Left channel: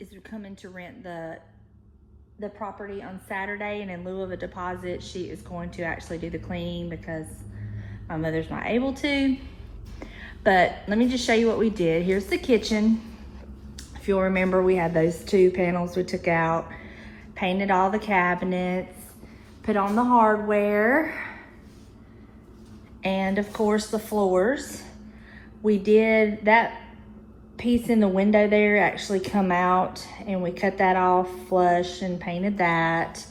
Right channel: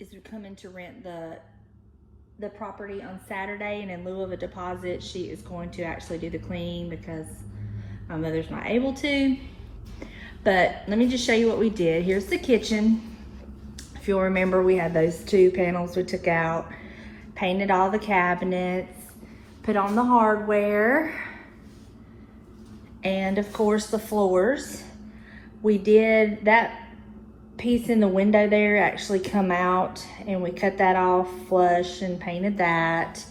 is coming to rent the property on Saturday, and in lieu of a deposit, she is going to actually do the cleaning because my mother's not able to. But let me just show you what we did. Here's the kitchen. If you'll remember, we had those 2 panels we took out, painted all the cabinets, put on the hardware, and of course the floors. We did that piece in the window there actually come out, and we cut that off flush and painted that.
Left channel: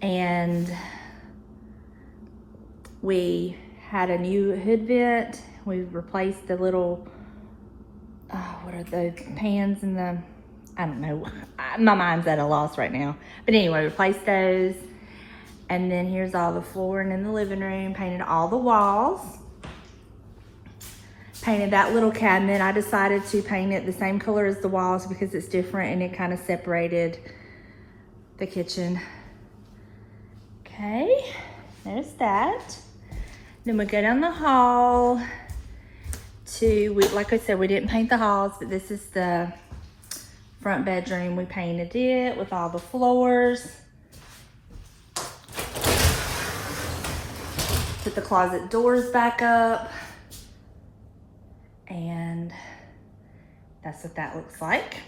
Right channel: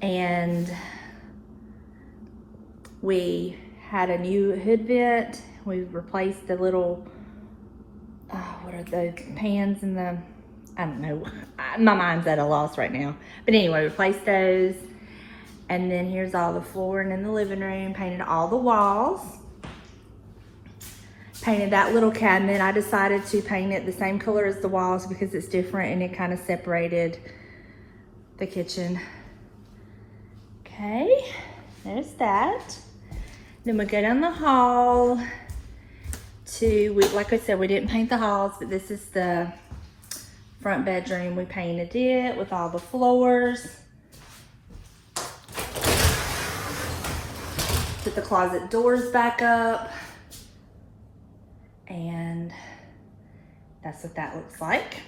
And we had a new hood vent. We replaced the little what are those pans in the, I don't know, my mind's at a loss right now, but anyway, replaced those. And then here's all the flooring in the living room, painted all the walls, painted that little cabinet. I decided to paint it the same color as the walls because it's different and it kind of separated the kitchen. Okay, there's that. Then we go down the hall to, like I said, we didn't paint the halls, but this is the front bedroom. We painted it with all the floors. Put the closet doors back up. And that's what that looks like.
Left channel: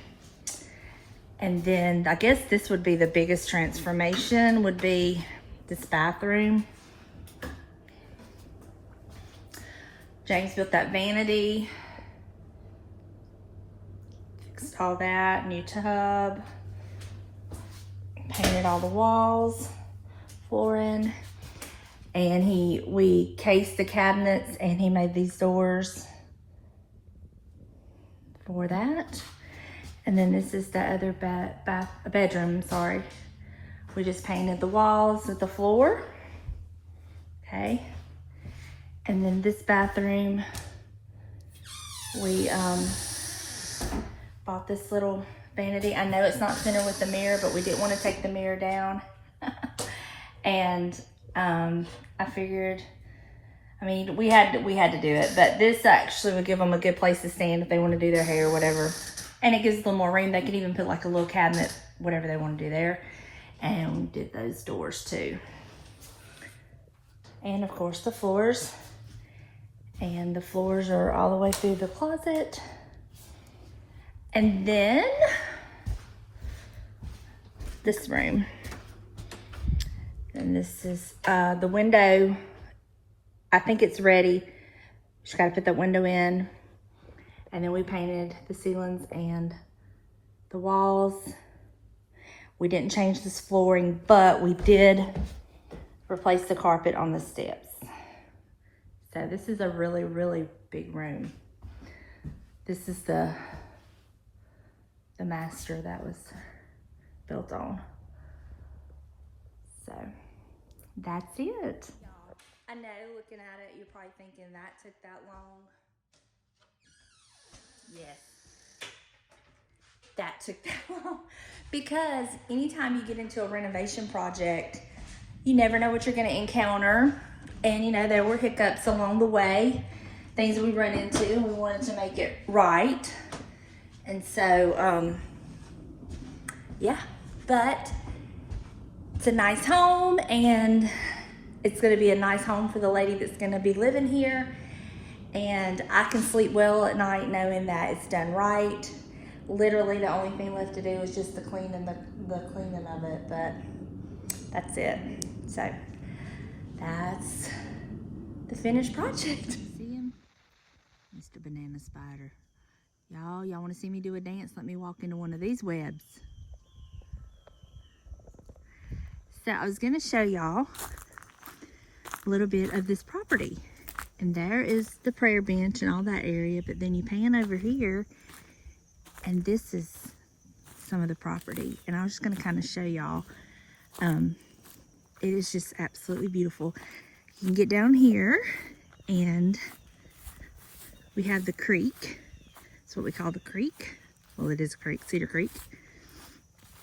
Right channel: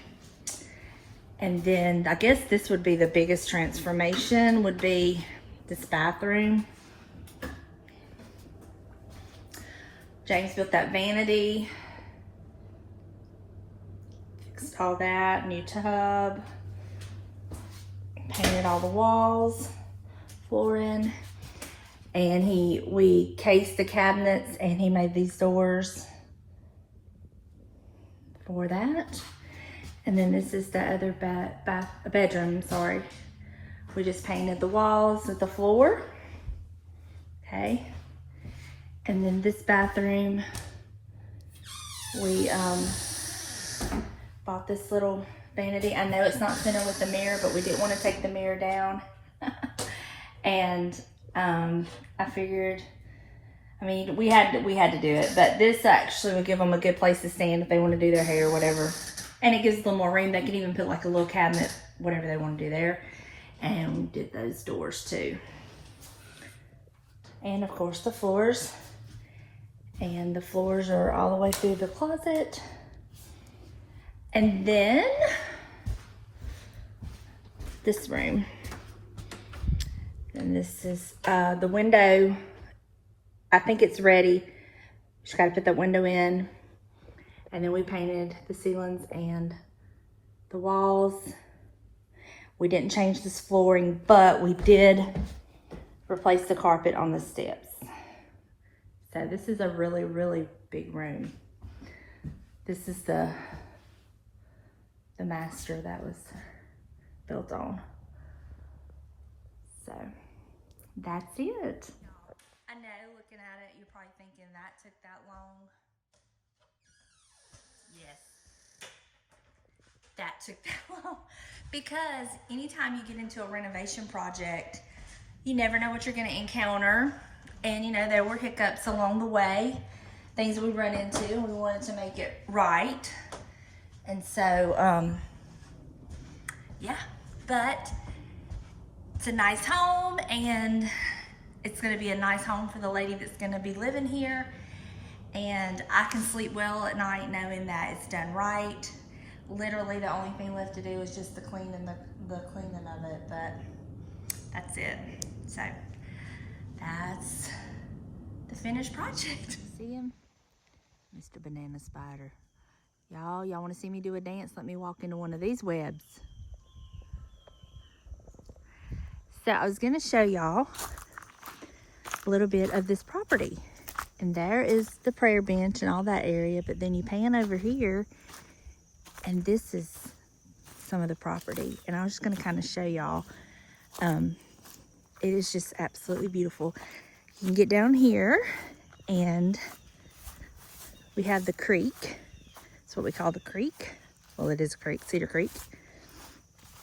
And then I guess this would be the biggest transformation, would be this bathroom. James built that vanity, fixed all that, new tub, painted all the walls, flooring, and we cased the cabinets, and he made these doors for that. And then this is the other bedroom, sorry. We just painted the walls with the floor, okay. And then this bathroom, we bought this little vanity. I know it's not fitting with the mirror, but we didn't want to take the mirror down. And I figured, I mean, we had to do it, but this actually will give them a good place to stand if they want to do their hair or whatever. And it gives a little more room. They could even put like a little cabinet, whatever they want to do there. And we did those doors too. And of course the floors. And the floors are all the way through the closet. And then this room. And this is the window. I think it's ready. Just gotta put that window in. And then we painted the ceilings and the walls. We didn't change this flooring, but we did replace the carpet on the steps. So this is a really, really big room. This is the master that was built on. So that's it. I know, looking at it, you're probably thinking that took that long. Yes, that took that long. Because anytime you get into a renovation project, you never know what you're gonna encounter. And you know, there were hiccups along the way, things we run into, and we wanted to make it right. And so, yeah, but it's a nice home, and it's gonna be a nice home for the lady that's gonna be living here. And I can sleep well at night knowing that it's done right. Literally the only thing left to do is just the cleaning of it, but that's it. So that's the finished project. See him? Mr. Banana Spider. Y'all want to see me do a dance? Let me walk into one of these webs. So I was gonna show y'all a little bit of this property. And there is the prayer bench and all that area, but then you pan over here and this is some of the property. And I was just gonna kind of show y'all. It is just absolutely beautiful. You can get down here and we have the creek. That's what we call the creek. Well, it is a creek, Cedar Creek.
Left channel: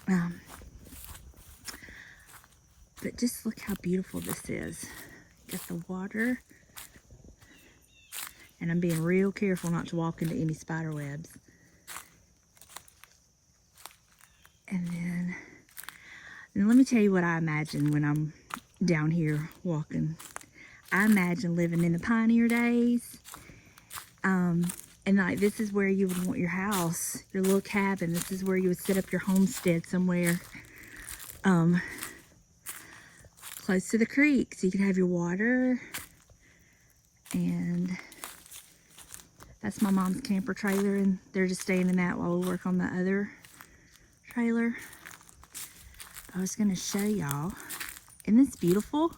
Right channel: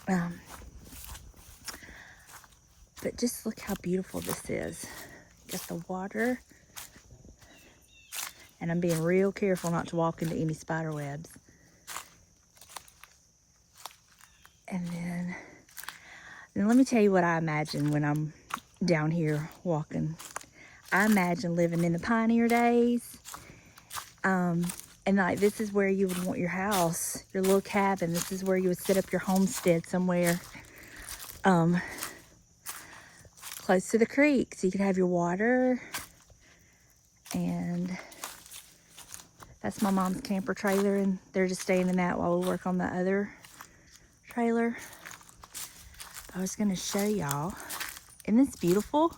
But just look how beautiful this is. Got the water. And I'm being real careful not to walk into any spider webs. And then let me tell you what I imagine when I'm down here walking. I imagine living in the pioneer days. And like, this is where you would want your house, your little cabin. This is where you would set up your homestead somewhere close to the creek, so you could have your water. And that's my mom's camper trailer, and they're just staying in that while we work on the other trailer. I was gonna show y'all. Isn't this beautiful?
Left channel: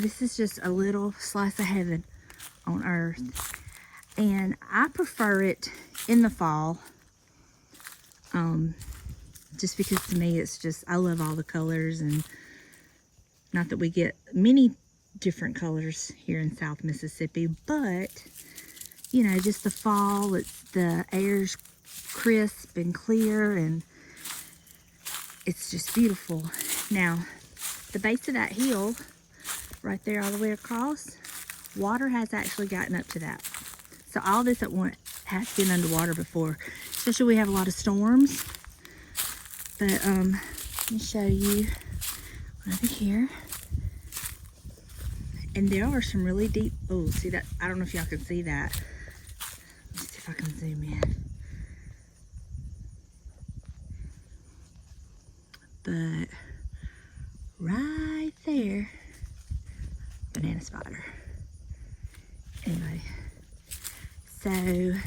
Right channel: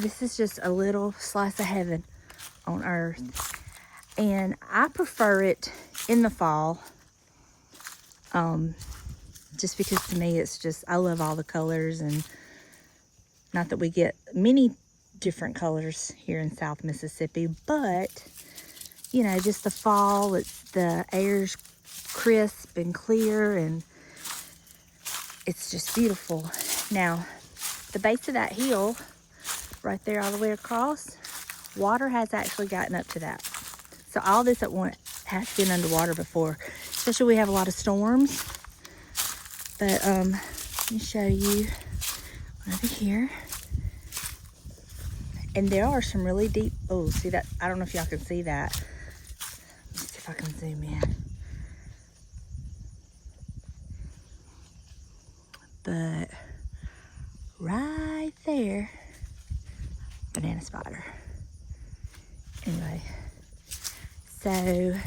This is just a little slice of heaven on earth. And I prefer it in the fall. Just because to me it's just, I love all the colors, and not that we get many different colors here in South Mississippi, but you know, just the fall, it's the air's crisp and clear, and it's just beautiful. Now, the base of that hill, right there all the way across, water has actually gotten up to that. So all this at once has been underwater before, especially we have a lot of storms. But let me show you over here. And there are some really deep, oh, see that? I don't know if y'all can see that. Let's see if I can zoom in. But right there, banana spider. Anyway, so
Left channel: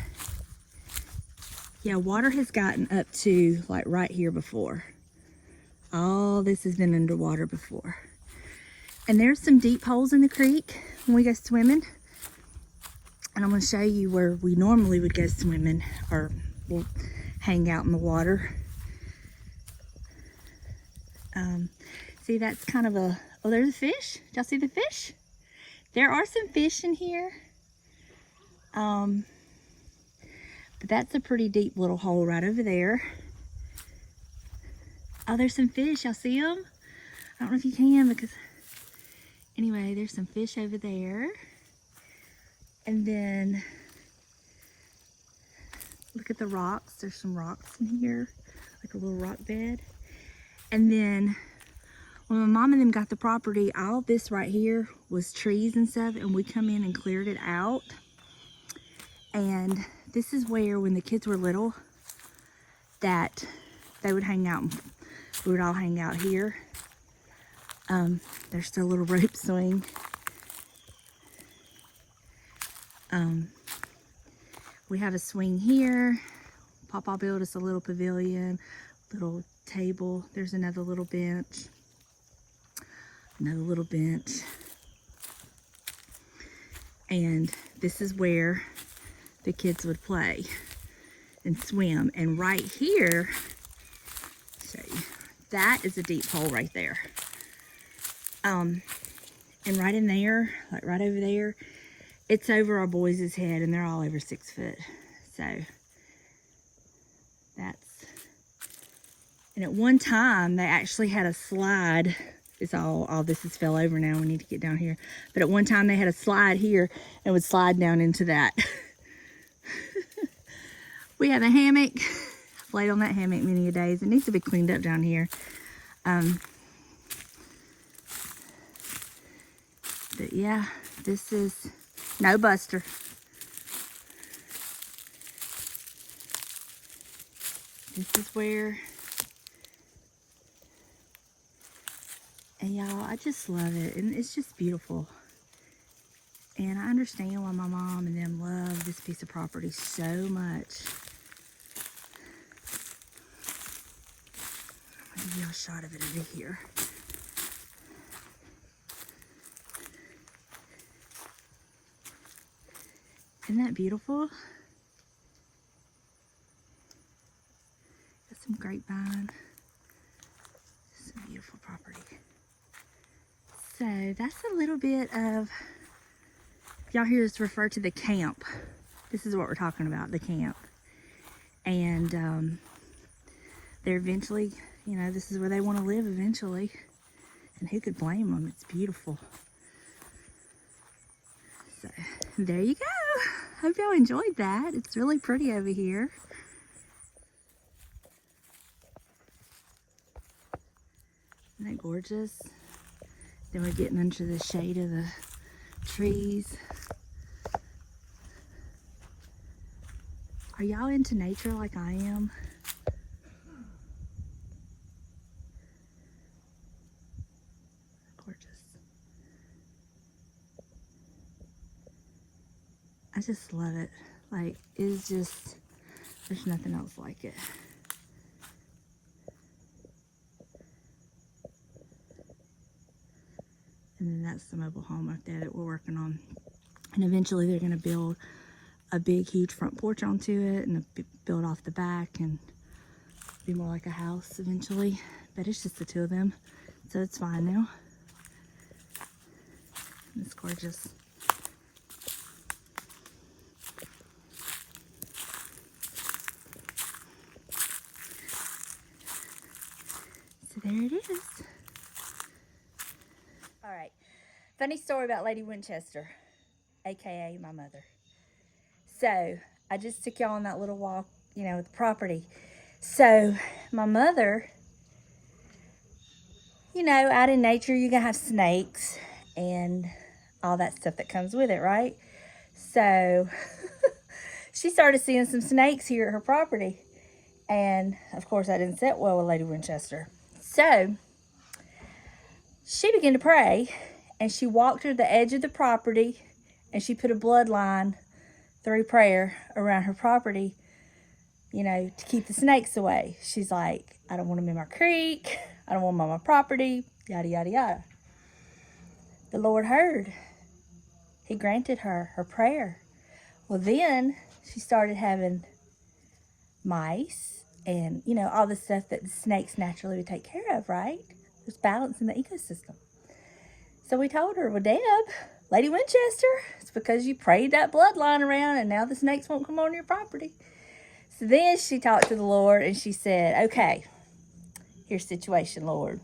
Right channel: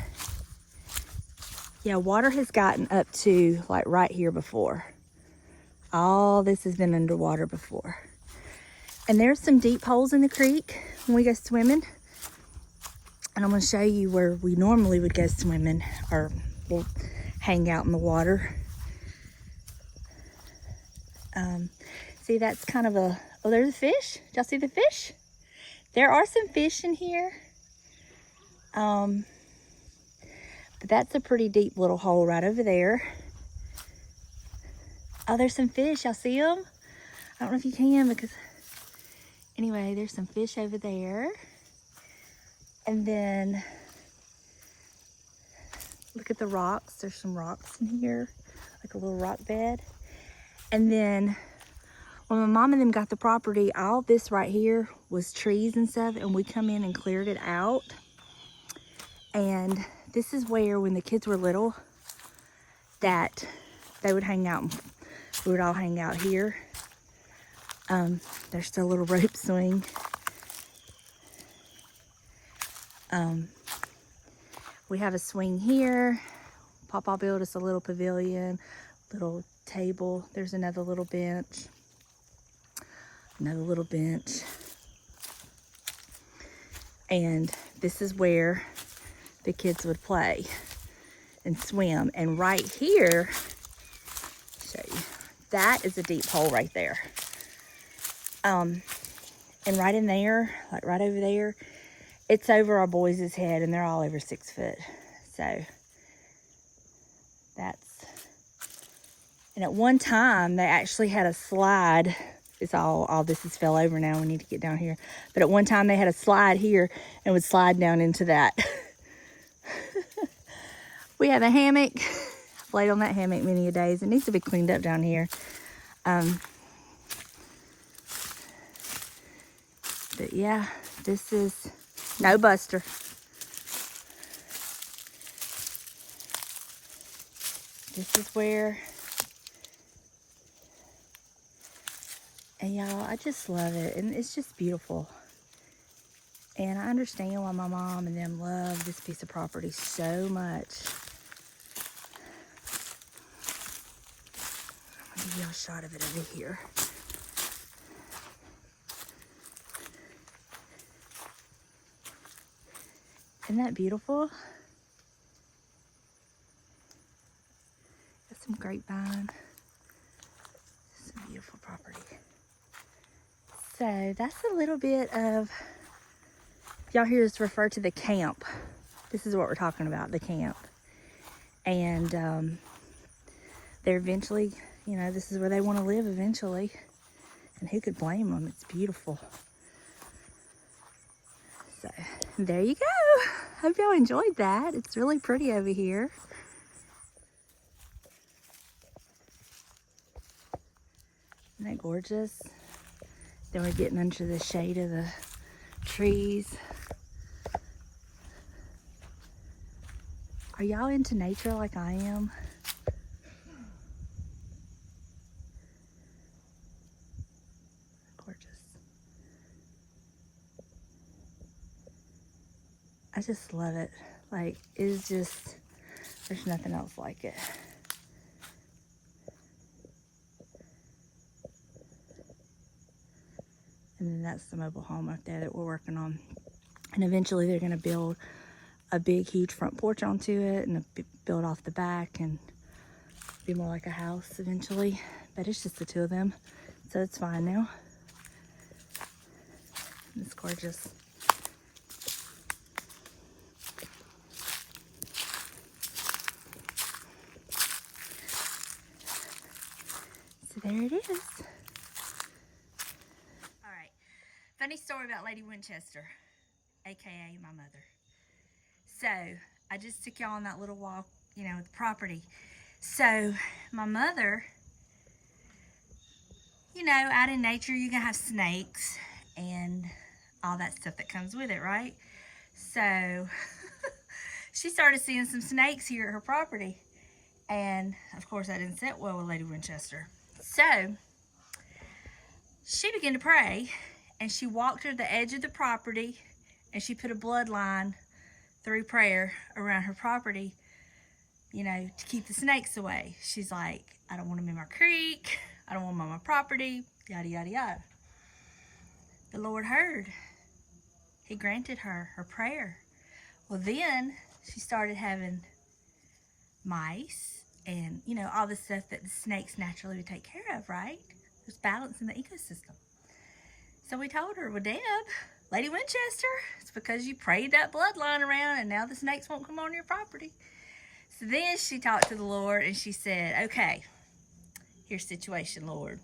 yeah, water has gotten up to like right here before. All this has been underwater before. And there's some deep holes in the creek when we go swimming. And I'm gonna show you where we normally would go swimming or we'll hang out in the water. See, that's kind of a, oh, there's a fish. Did y'all see the fish? There are some fish in here. But that's a pretty deep little hole right over there. Oh, there's some fish. Y'all see them? I don't know if you can, because anyway, there's some fish over there. And then look at the rocks. There's some rocks in here, like a little rock bed. And then when my mom and them got the property, all this right here was trees and stuff, and we come in and cleared it out. And this is where, when the kids were little, that they would hang out. We would all hang out here. There's still a little rope swing. We have a swing here. Papa built us a little pavilion, little table. There's another little bench. Another little bench. And this is where the kids would play and swim. And right here, show you, that is a deep hole right there. And right in there, like right over there, it's over our boys' head, and they're all over 6 foot. So that's, and at one time they actually had a slide. It's all this has fell over now. We need to get down here. But at one time they had a slide here and would slide down into that. We have a hammock. I've laid on that hammock many a days. It needs to be cleaned up down here. But yeah, this is no buster. This is where, and y'all, I just love it, and it's just beautiful. And I understand why my mom and them love this piece of property so much. I'm gonna give y'all a shot of it over here. Isn't that beautiful? Got some grapevine. Some beautiful property. So that's a little bit of, y'all hear us refer to the camp. This is what we're talking about, the camp. And they're eventually, you know, this is where they want to live eventually. And who could blame them? It's beautiful. So there you go. Hope y'all enjoyed that. It's really pretty over here. Isn't that gorgeous? Then we're getting under the shade of the trees. Are y'all into nature like I am? Gorgeous. I just love it. Like, it's just, there's nothing else like it. And then that's the mobile home up there that we're working on. And eventually they're gonna build a big, huge front porch onto it and build off the back and be more like a house eventually. But it's just the two of them, so it's fine now. It's gorgeous. So there it is. All right, funny story about Lady Winchester, AKA my mother. So I just took y'all on that little walk, you know, with the property. So my mother, you know, out in nature, you're gonna have snakes and all that stuff that comes with it, right? So she started seeing some snakes here at her property. And of course that didn't sit well with Lady Winchester. So she began to pray, and she walked to the edge of the property and she put a bloodline through prayer around her property, you know, to keep the snakes away. She's like, I don't want them in my creek. I don't want them on my property, yada, yada, yada. The Lord heard. He granted her prayer. Well, then she started having mice and, you know, all the stuff that the snakes naturally would take care of, right? There's balance in the ecosystem. So we told her, well, Deb, Lady Winchester, it's because you prayed that bloodline around and now the snakes won't come on your property. So then she talked to the Lord and she said, okay, here's the situation, Lord.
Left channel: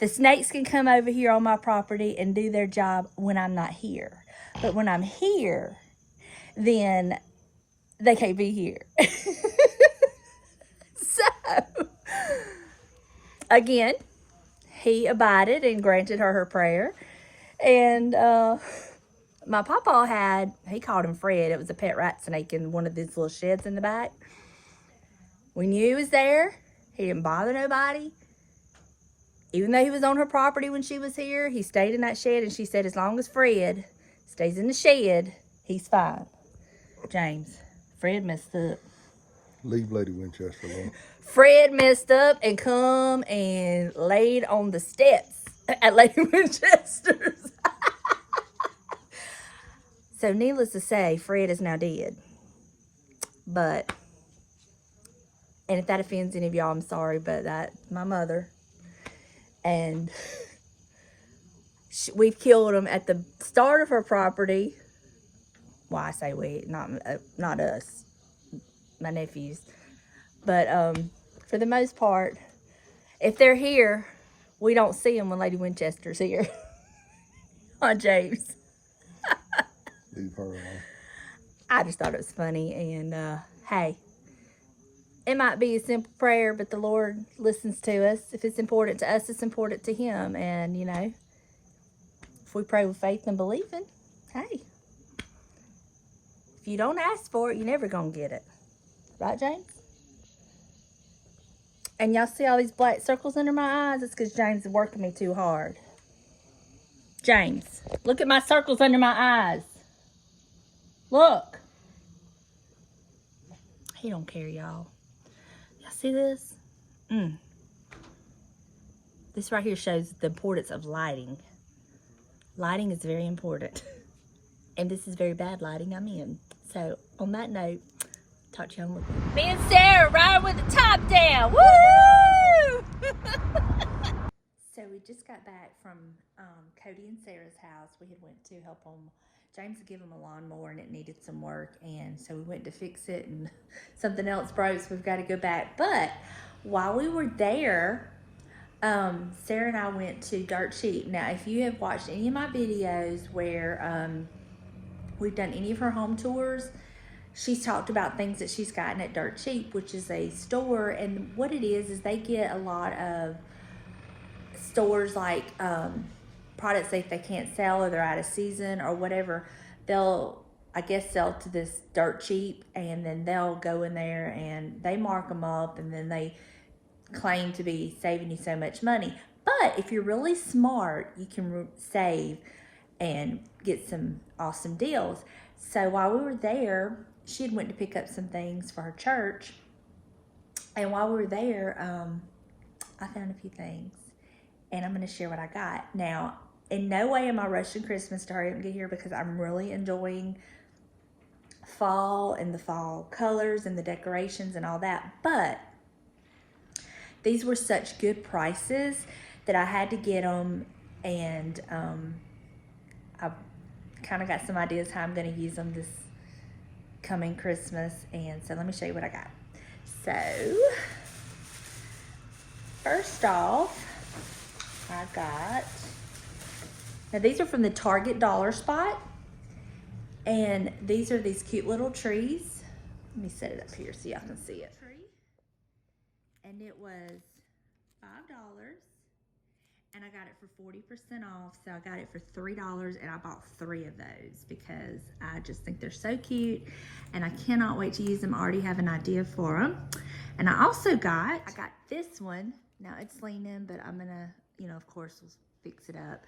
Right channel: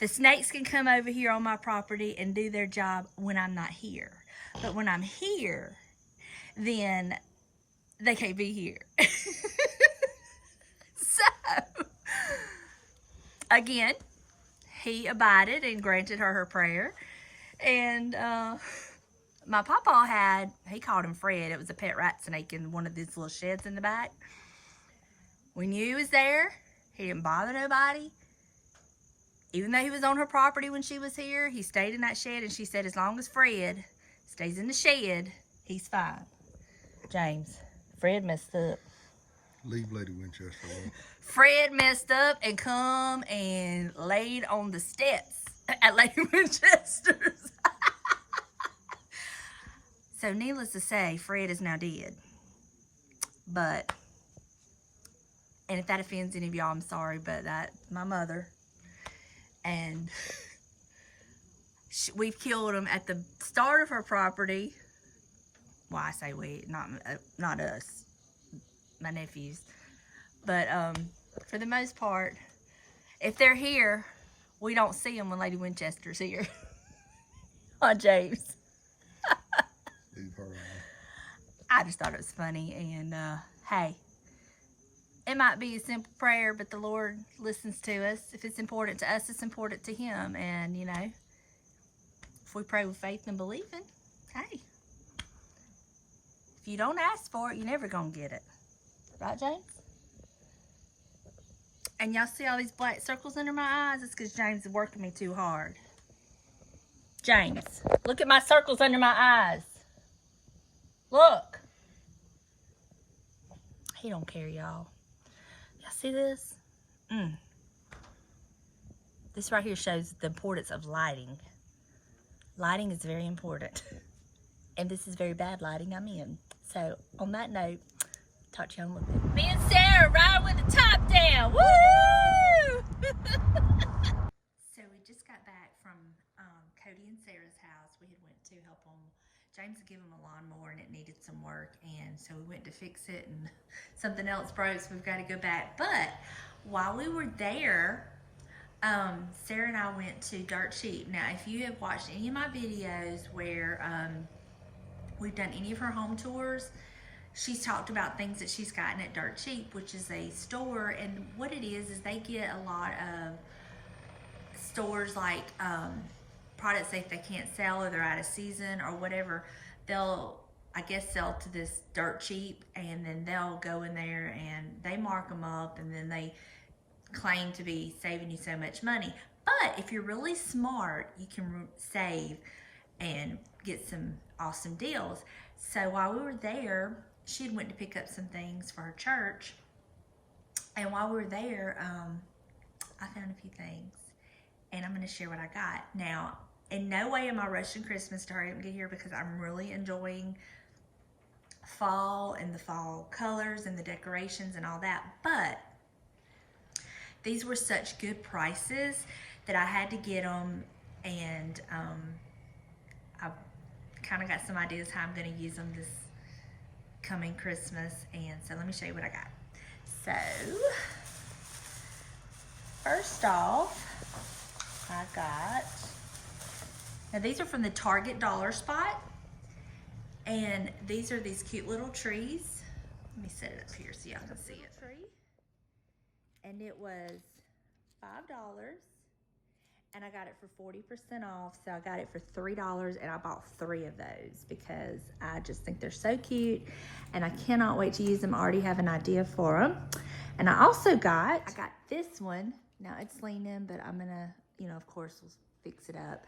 The snakes can come over here on my property and do their job when I'm not here. But when I'm here, then they can't be here. So, again, he abided and granted her prayer. And my papa had, he called him Fred. It was a pet rat snake in one of these little sheds in the back. We knew he was there. He didn't bother nobody. Even though he was on her property when she was here, he stayed in that shed, and she said as long as Fred stays in the shed, he's fine. James, Fred messed up. Leave Lady Winchester alone. Fred messed up and come and laid on the steps at Lady Winchester's. So needless to say, Fred is now dead. But, and if that offends any of y'all, I'm sorry, but that's my mother. And we've killed him at the start of her property. Well, I say we, not us, my nephews. But for the most part, if they're here, we don't see them when Lady Winchester's here. On James. Leave her alone. I just thought it was funny, and hey, it might be a simple prayer, but the Lord listens to us. If it's important to us, it's important to Him. And, you know, if we pray with faith and believing, hey, if you don't ask for it, you're never going to get it. Right, James? And y'all see all these black circles under my eyes? It's because James is working me too hard. James, look at my circles under my eyes. Look. He don't care, y'all. Y'all see this? This right here shows the importance of lighting. Lighting is very important. And this is very bad lighting I'm in. So, on that note, talk to you on. Me and Sarah riding with the top down. Woo! So, we just got back from Cody and Sarah's house. We had went to help them. James had given them a lawnmower and it needed some work. And so we went to fix it and something else broke, so we've got to go back. But while we were there, Sarah and I went to Dirt Cheap. Now, if you have watched any of my videos where we've done any of her home tours, she's talked about things that she's gotten at Dirt Cheap, which is a store. And what it is they get a lot of stores like products that they can't sell or they're out of season or whatever, they'll, I guess, sell to this dirt cheap, and then they'll go in there and they mark them up, and then they claim to be saving you so much money. But if you're really smart, you can save and get some awesome deals. So while we were there, she had went to pick up some things for her church, and while we were there, I found a few things, and I'm going to share what I got. Now, in no way am I rushing Christmas to hurry up and get here, because I'm really enjoying fall and the fall colors and the decorations and all that. But these were such good prices that I had to get them, and I kind of got some ideas how I'm going to use them this coming Christmas. And so let me show you what I got. So first off, I got, now these are from the Target Dollar Spot, and these are these cute little trees. Let me set it up here so y'all can see it. And it was $5, and I got it for 40% off, so I got it for $3, and I bought 3 of those because I just think they're so cute, and I cannot wait to use them. I already have an idea for them. And I also got, this one. Now it's leaning, but I'm gonna, you know, of course, we'll fix it up.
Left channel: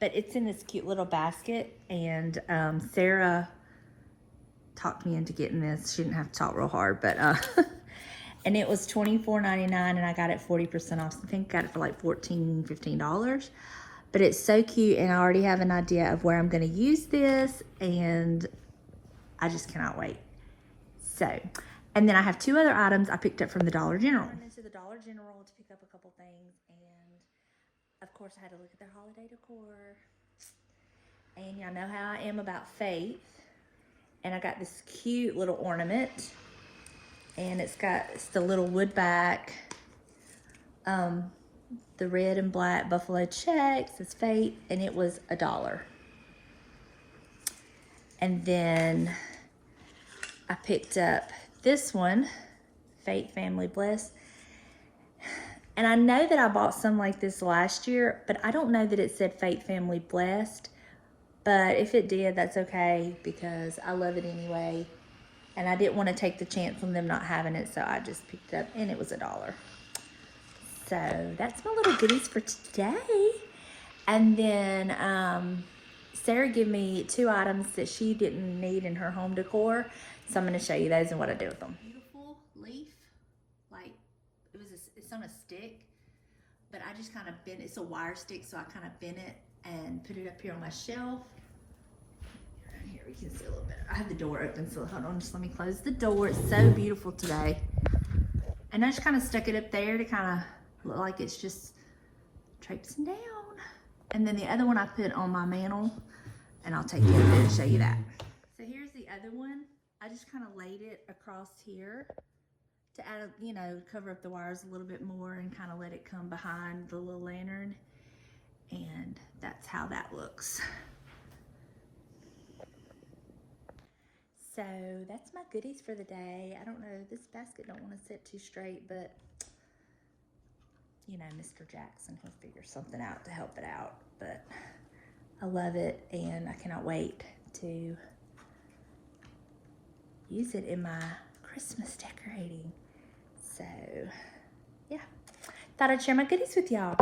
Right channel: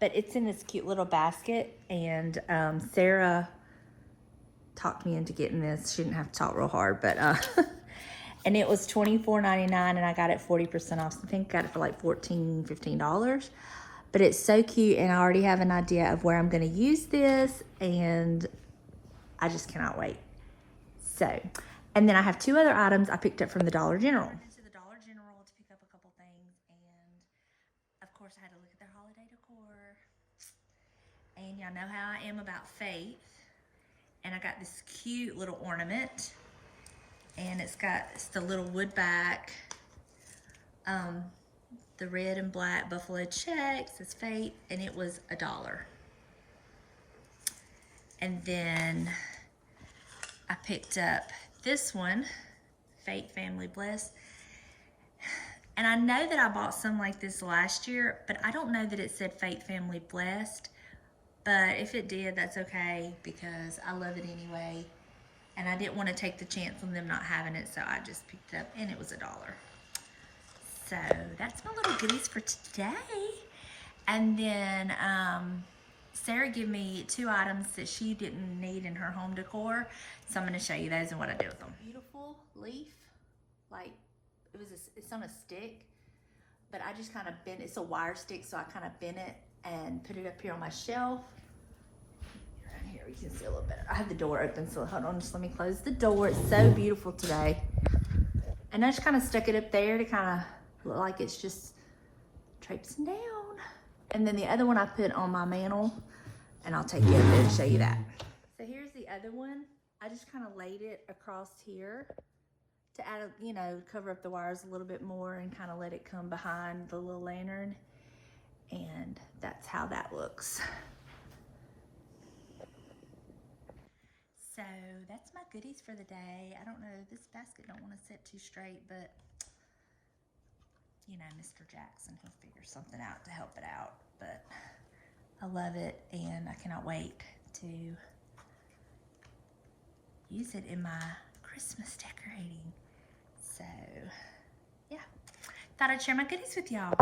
But it's in this cute little basket, and Sarah talked me into getting this. She didn't have to talk real hard, but and it was $24.99, and I got it 40% off. So I think I got it for like $14, $15. But it's so cute, and I already have an idea of where I'm gonna use this, and I just cannot wait. So, and then I have 2 other items I picked up from the Dollar General. I went into the Dollar General to pick up a couple things, and of course I had to look at their holiday decor. And y'all know how I am about faith. And I got this cute little ornament, and it's the little wood back, the red and black buffalo checks, it's faith, and it was $1. And then I picked up this one, Faith Family Blessed. And I know that I bought some like this last year, but I don't know that it said Faith Family Blessed. But if it did, that's okay, because I love it anyway. And I didn't want to take the chance on them not having it, so I just picked it up, and it was $1. So that's my little goodies for today. And then Sarah gave me 2 items that she didn't need in her home decor. So I'm going to show you those and what I did with them. Beautiful leaf, like it's on a stick, but I just kind of bent, it's a wire stick, so I kind of bent it and put it up here on my shelf. And here we can see a little bit. I have the door open, so hold on, just let me close the door. It's so beautiful today. And I just kind of stuck it up there to kind of look like it's just traipsing down. And then the other one I put on my mantle, and I'll take you up there and show you that. So here's the other one. I just kind of laid it across here to add, you know, cover up the wires a little bit more and kind of let it come behind the little lantern. And that's how that looks. So that's my goodies for the day. I don't know, this basket don't want to sit too straight, but you know, Mr. Jackson, he'll figure something out to help it out. But I love it, and I cannot wait to use it in my Christmas decorating. So yeah, thought I'd share my goodies with y'all.